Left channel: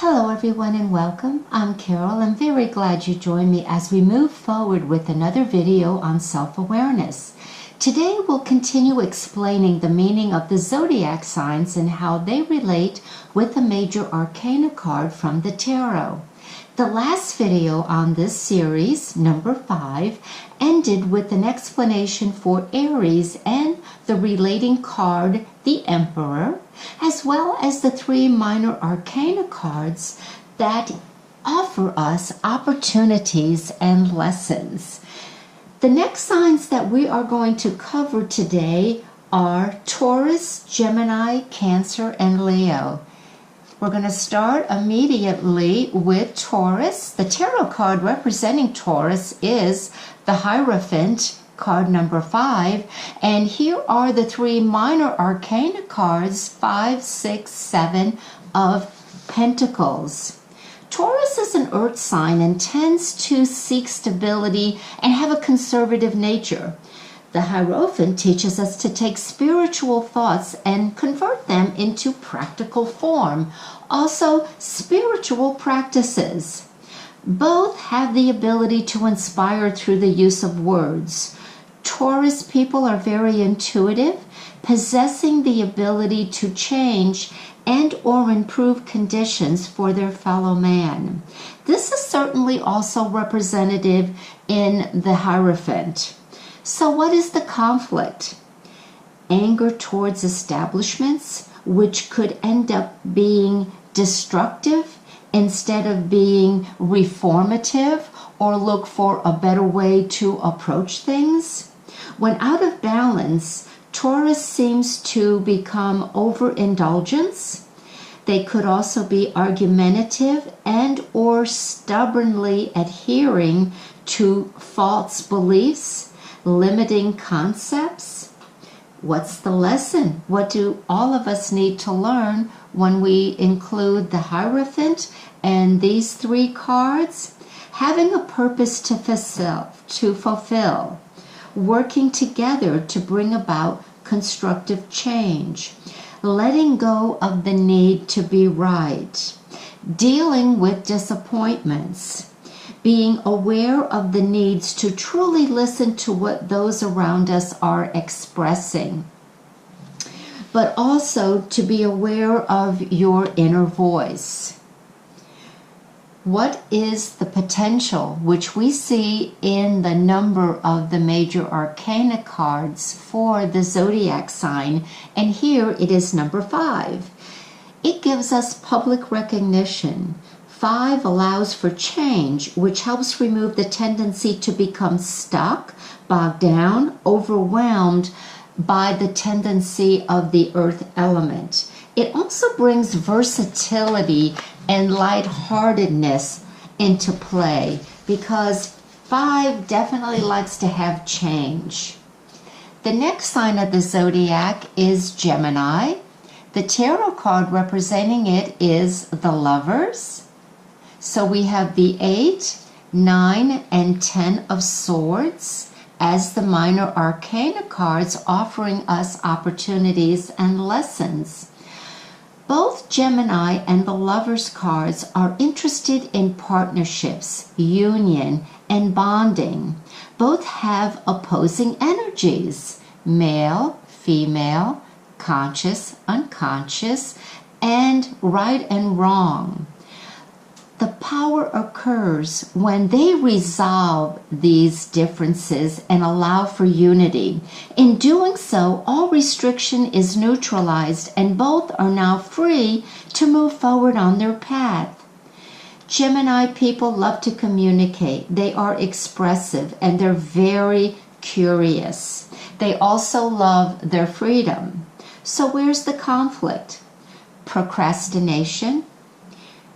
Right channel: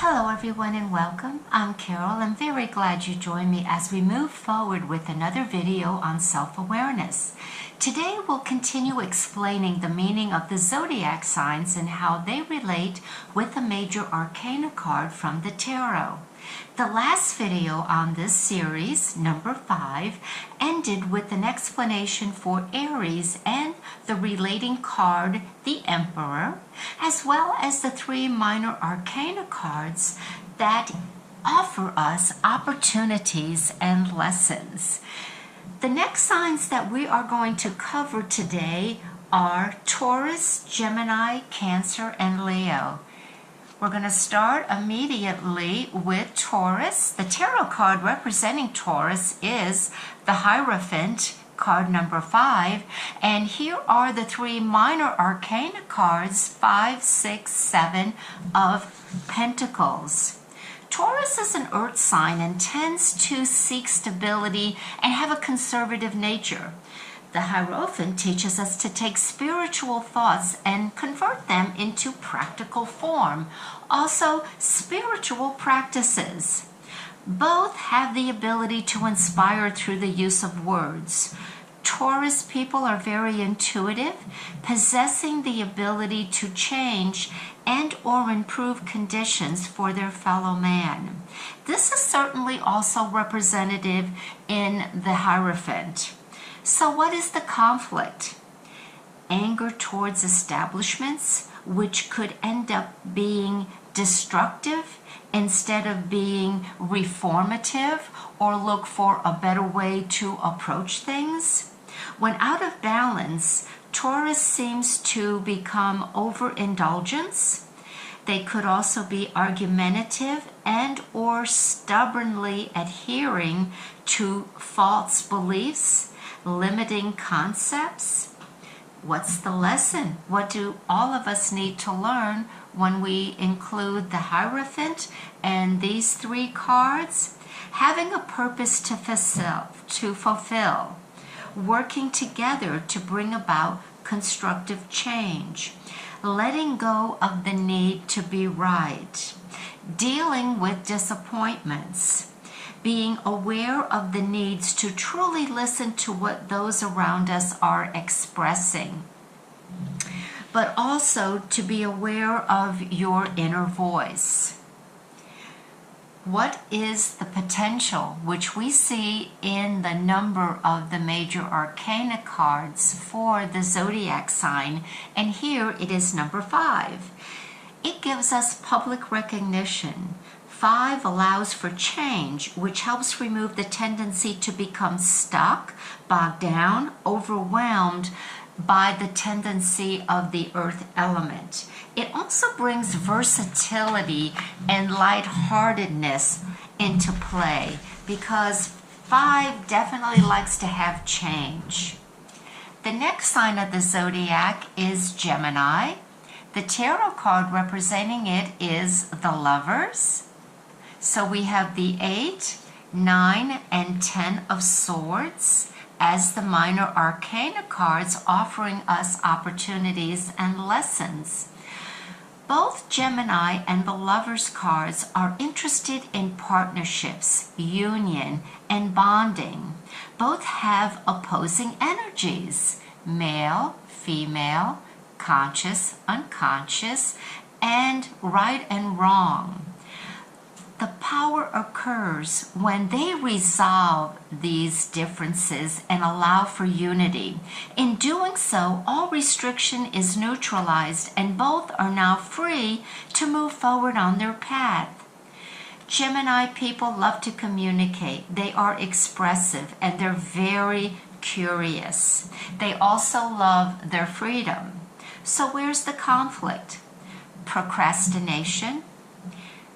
Hello everyone and welcome. I'm Carol. I'm very glad you joined me as we move forward with another video on self-awareness. Today we'll continue explaining the meaning of the zodiac signs and how they relate with the major arcana card from the tarot. The last video on this series, number 5, ended with an explanation for Aries and the relating card, the Emperor, as well as the 3 minor arcana cards that offer us opportunities and lessons. The next signs that we are going to cover today are Taurus, Gemini, Cancer, and Leo. We're going to start immediately with Taurus. The tarot card representing Taurus is the Hierophant, card number 5. And here are the 3 minor arcana cards, 5, 6, 7 of Pentacles. Taurus is an earth sign and tends to seek stability and have a conservative nature. The Hierophant teaches us to take spiritual thoughts and convert them into practical form. Also, spiritual practices. Both have the ability to inspire through the use of words. Taurus people are very intuitive, possessing the ability to change and or improve conditions for their fellow man. This is certainly also representative in the Hierophant. So what is the conflict? Anger towards establishments, which could end up being destructive instead of being reformative or look for a better way to approach things. When out of balance, Taurus seems to become overindulgence. They could also be argumentative and or stubbornly adhering to false beliefs, limiting concepts. What's the lesson? What do all of us need to learn when we include the Hierophant and these 3 cards? Having a purpose to fulfill, working together to bring about constructive change, letting go of the need to be right, dealing with disappointments, being aware of the needs to truly listen to what those around us are expressing, but also to be aware of your inner voice. What is the potential which we see in the number of the major arcana cards for the zodiac sign? And here it is number 5. It gives us public recognition. 5 allows for change, which helps remove the tendency to become stuck, bogged down, overwhelmed by the tendency of the earth element. It also brings versatility and lightheartedness into play because 5 definitely likes to have change. The next sign of the zodiac is Gemini. The tarot card representing it is the Lovers. So we have the 8, 9, and 10 of Swords as the minor arcana cards, offering us opportunities and lessons. Both Gemini and the Lovers cards are interested in partnerships, union, and bonding. Both have opposing energies, male, female, conscious, unconscious, and right and wrong. The power occurs when they resolve these differences and allow for unity. In doing so, all restriction is neutralized and both are now free to move forward on their path. Gemini people love to communicate. They are expressive and they're very curious. They also love their freedom. So where's the conflict? Procrastination,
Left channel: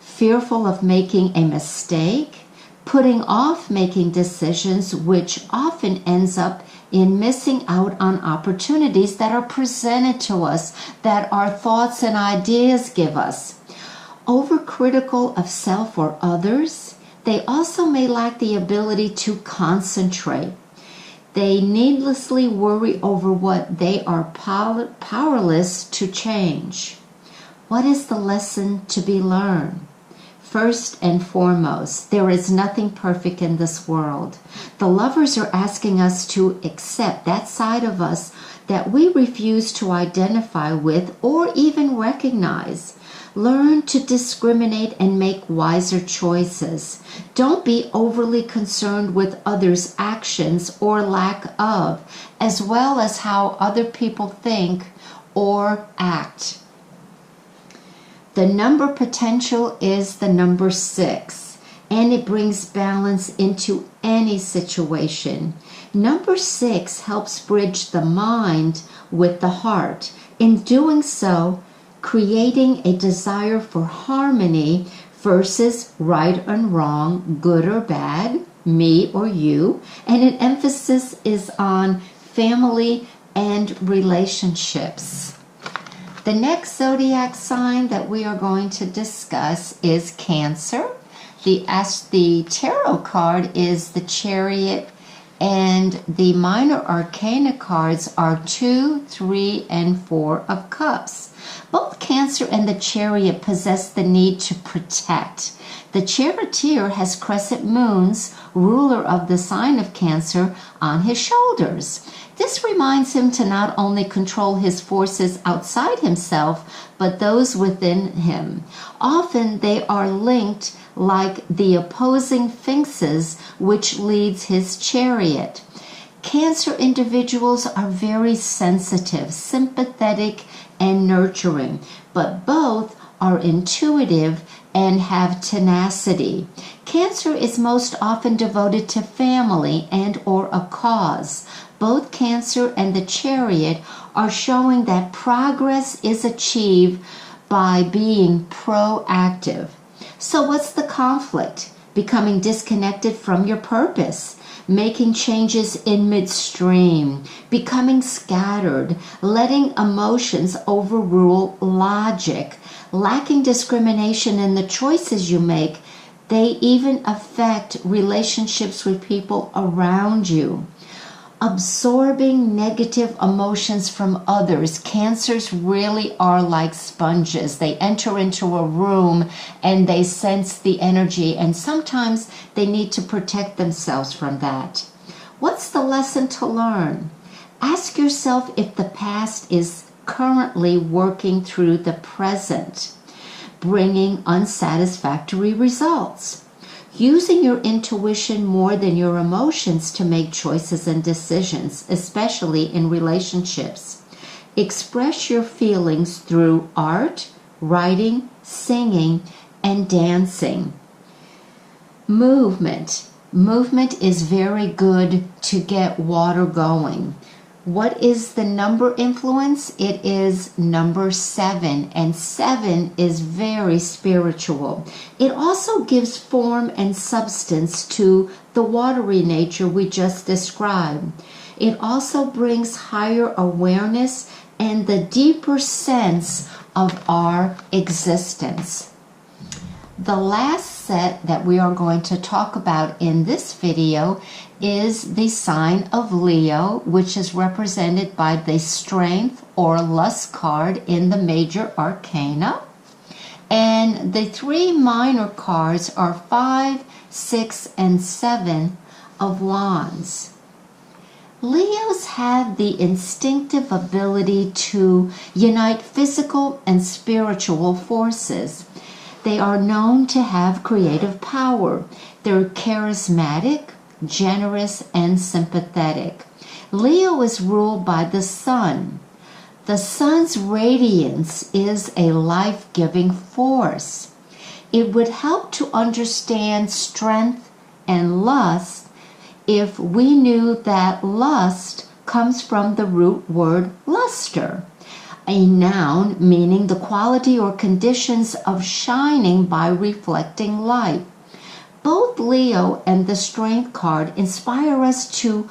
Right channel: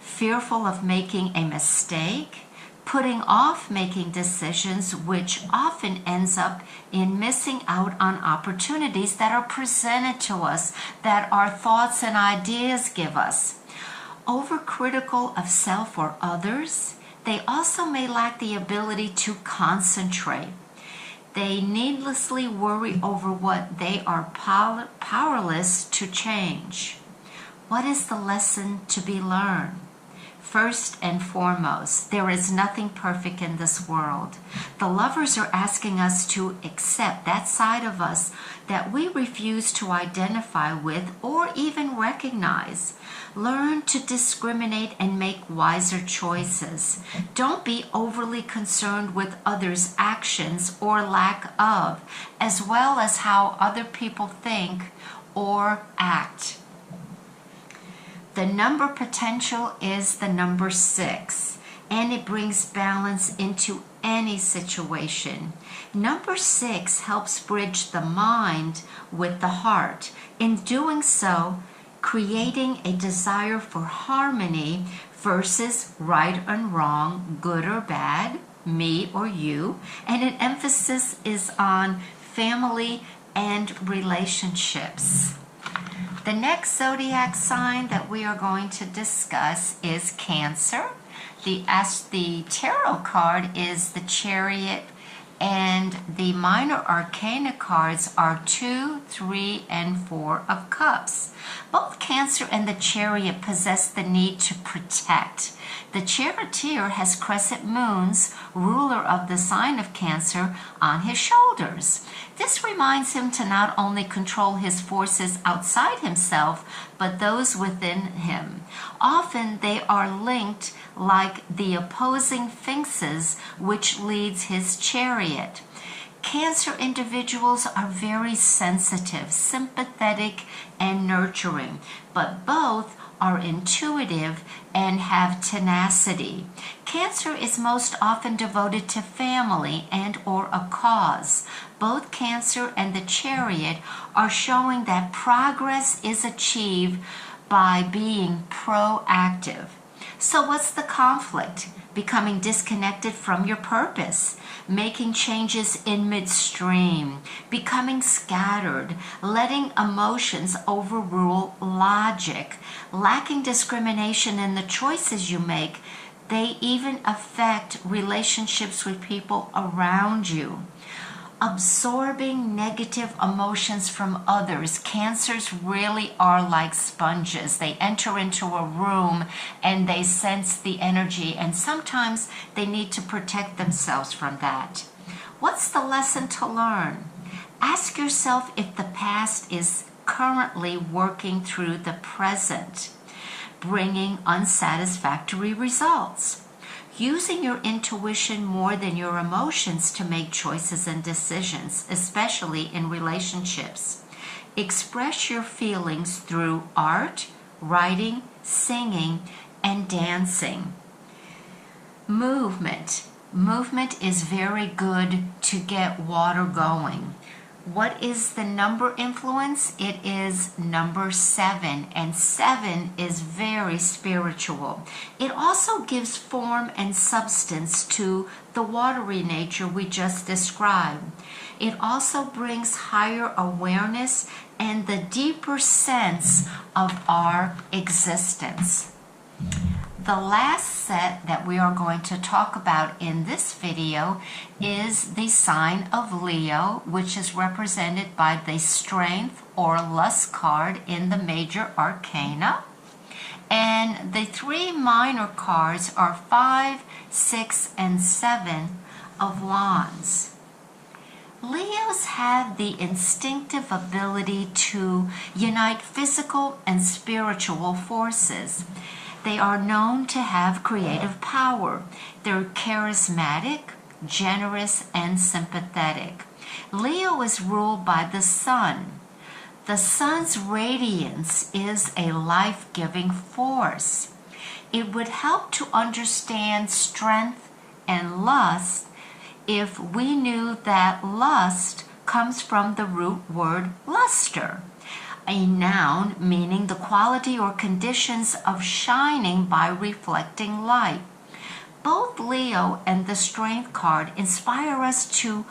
fearful of making a mistake, putting off making decisions, which often ends up in missing out on opportunities that are presented to us, that our thoughts and ideas give us. Overcritical of self or others, they also may lack the ability to concentrate. They needlessly worry over what they are powerless to change. What is the lesson to be learned? First and foremost, there is nothing perfect in this world. The lovers are asking us to accept that side of us that we refuse to identify with or even recognize. Learn to discriminate and make wiser choices. Don't be overly concerned with others' actions or lack of, as well as how other people think or act. The number potential is the number 6, and it brings balance into any situation. Number 6 helps bridge the mind with the heart. In doing so, creating a desire for harmony versus right and wrong, good or bad, me or you, and an emphasis is on family and relationships. The next zodiac sign that we are going to discuss is Cancer. The tarot card is the Chariot, and the minor arcana cards are 2, 3, and 4 of Cups. Both Cancer and the Chariot possess the need to protect. The Charioteer has crescent moons, ruler of the sign of Cancer, on his shoulders. This reminds him to not only control his forces outside himself, but those within him. Often they are linked like the opposing sphinxes, which leads his chariot. Cancer individuals are very sensitive, sympathetic, and nurturing, but both are intuitive and have tenacity. Cancer is most often devoted to family and or a cause. Both Cancer and the Chariot are showing that progress is achieved by being proactive. So what's the conflict? Becoming disconnected from your purpose, making changes in midstream, becoming scattered, letting emotions overrule logic, lacking discrimination in the choices you make. They even affect relationships with people around you. Absorbing negative emotions from others. Cancers really are like sponges. They enter into a room and they sense the energy, and sometimes they need to protect themselves from that. What's the lesson to learn? Ask yourself if the past is currently working through the present, bringing unsatisfactory results. Using your intuition more than your emotions to make choices and decisions, especially in relationships. Express your feelings through art, writing, singing, and dancing. Movement. Movement is very good to get water going. What is the number influence? It is number 7, and 7 is very spiritual. It also gives form and substance to the watery nature we just described. It also brings higher awareness and the deeper sense of our existence. The last set that we are going to talk about in this video is the sign of Leo, which is represented by the Strength or Lust card in the major arcana. And the 3 minor cards are 5, 6, and 7 of Wands. Leos have the instinctive ability to unite physical and spiritual forces. They are known to have creative power. They're charismatic, generous, and sympathetic. Leo is ruled by the sun. The sun's radiance is a life-giving force. It would help to understand strength and lust if we knew that lust comes from the root word luster, a noun meaning the quality or conditions of shining by reflecting light. Both Leo and the Strength card inspire us to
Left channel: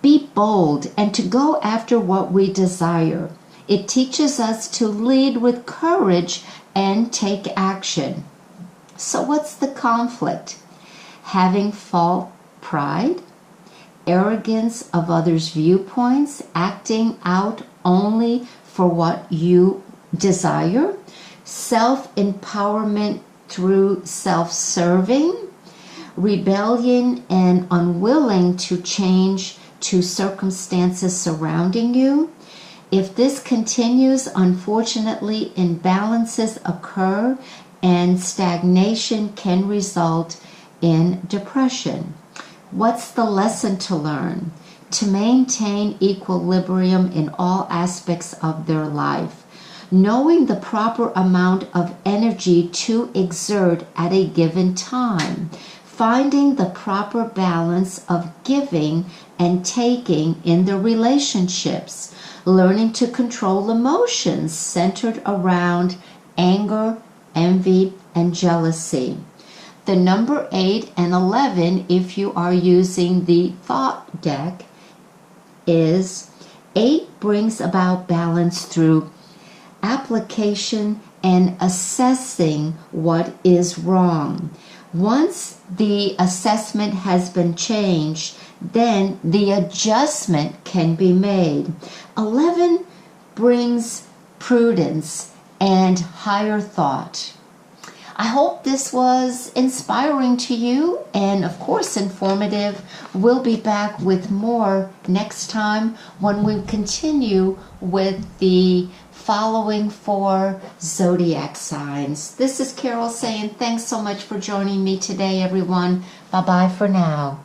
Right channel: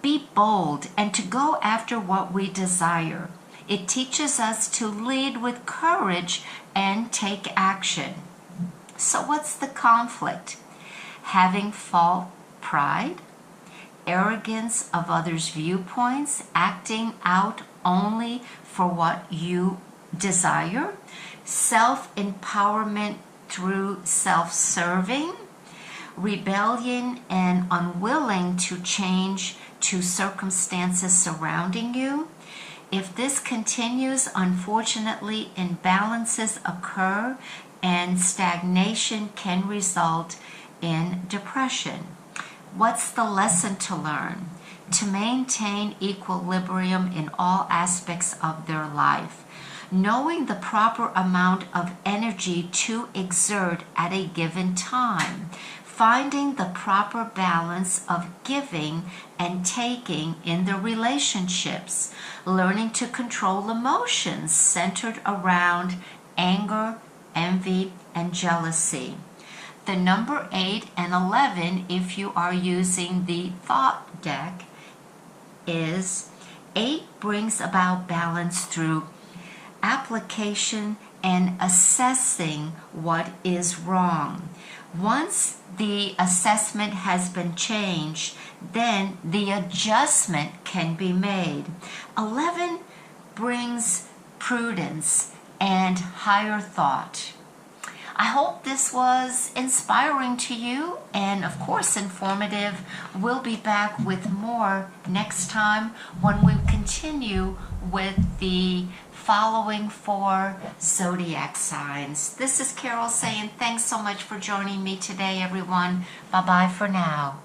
be bold and to go after what we desire. It teaches us to lead with courage and take action. So what's the conflict? Having false pride, arrogance of others' viewpoints, acting out only for what you desire, self-empowerment through self-serving, rebellion, and unwilling to change to circumstances surrounding you. If this continues, unfortunately, imbalances occur and stagnation can result in depression. What's the lesson to learn? To maintain equilibrium in all aspects of their life. Knowing the proper amount of energy to exert at a given time. Finding the proper balance of giving and taking in the relationships. Learning to control emotions centered around anger, envy, and jealousy. The number 8 and 11, if you are using the thought deck, is 8 brings about balance through application and assessing what is wrong. Once the assessment has been changed, then the adjustment can be made. 11 brings prudence and higher thought. I hope this was inspiring to you and, of course, informative. We'll be back with more next time when we continue with the following 4 zodiac signs. This is Carol saying thanks so much for joining me today, everyone. Bye-bye for now.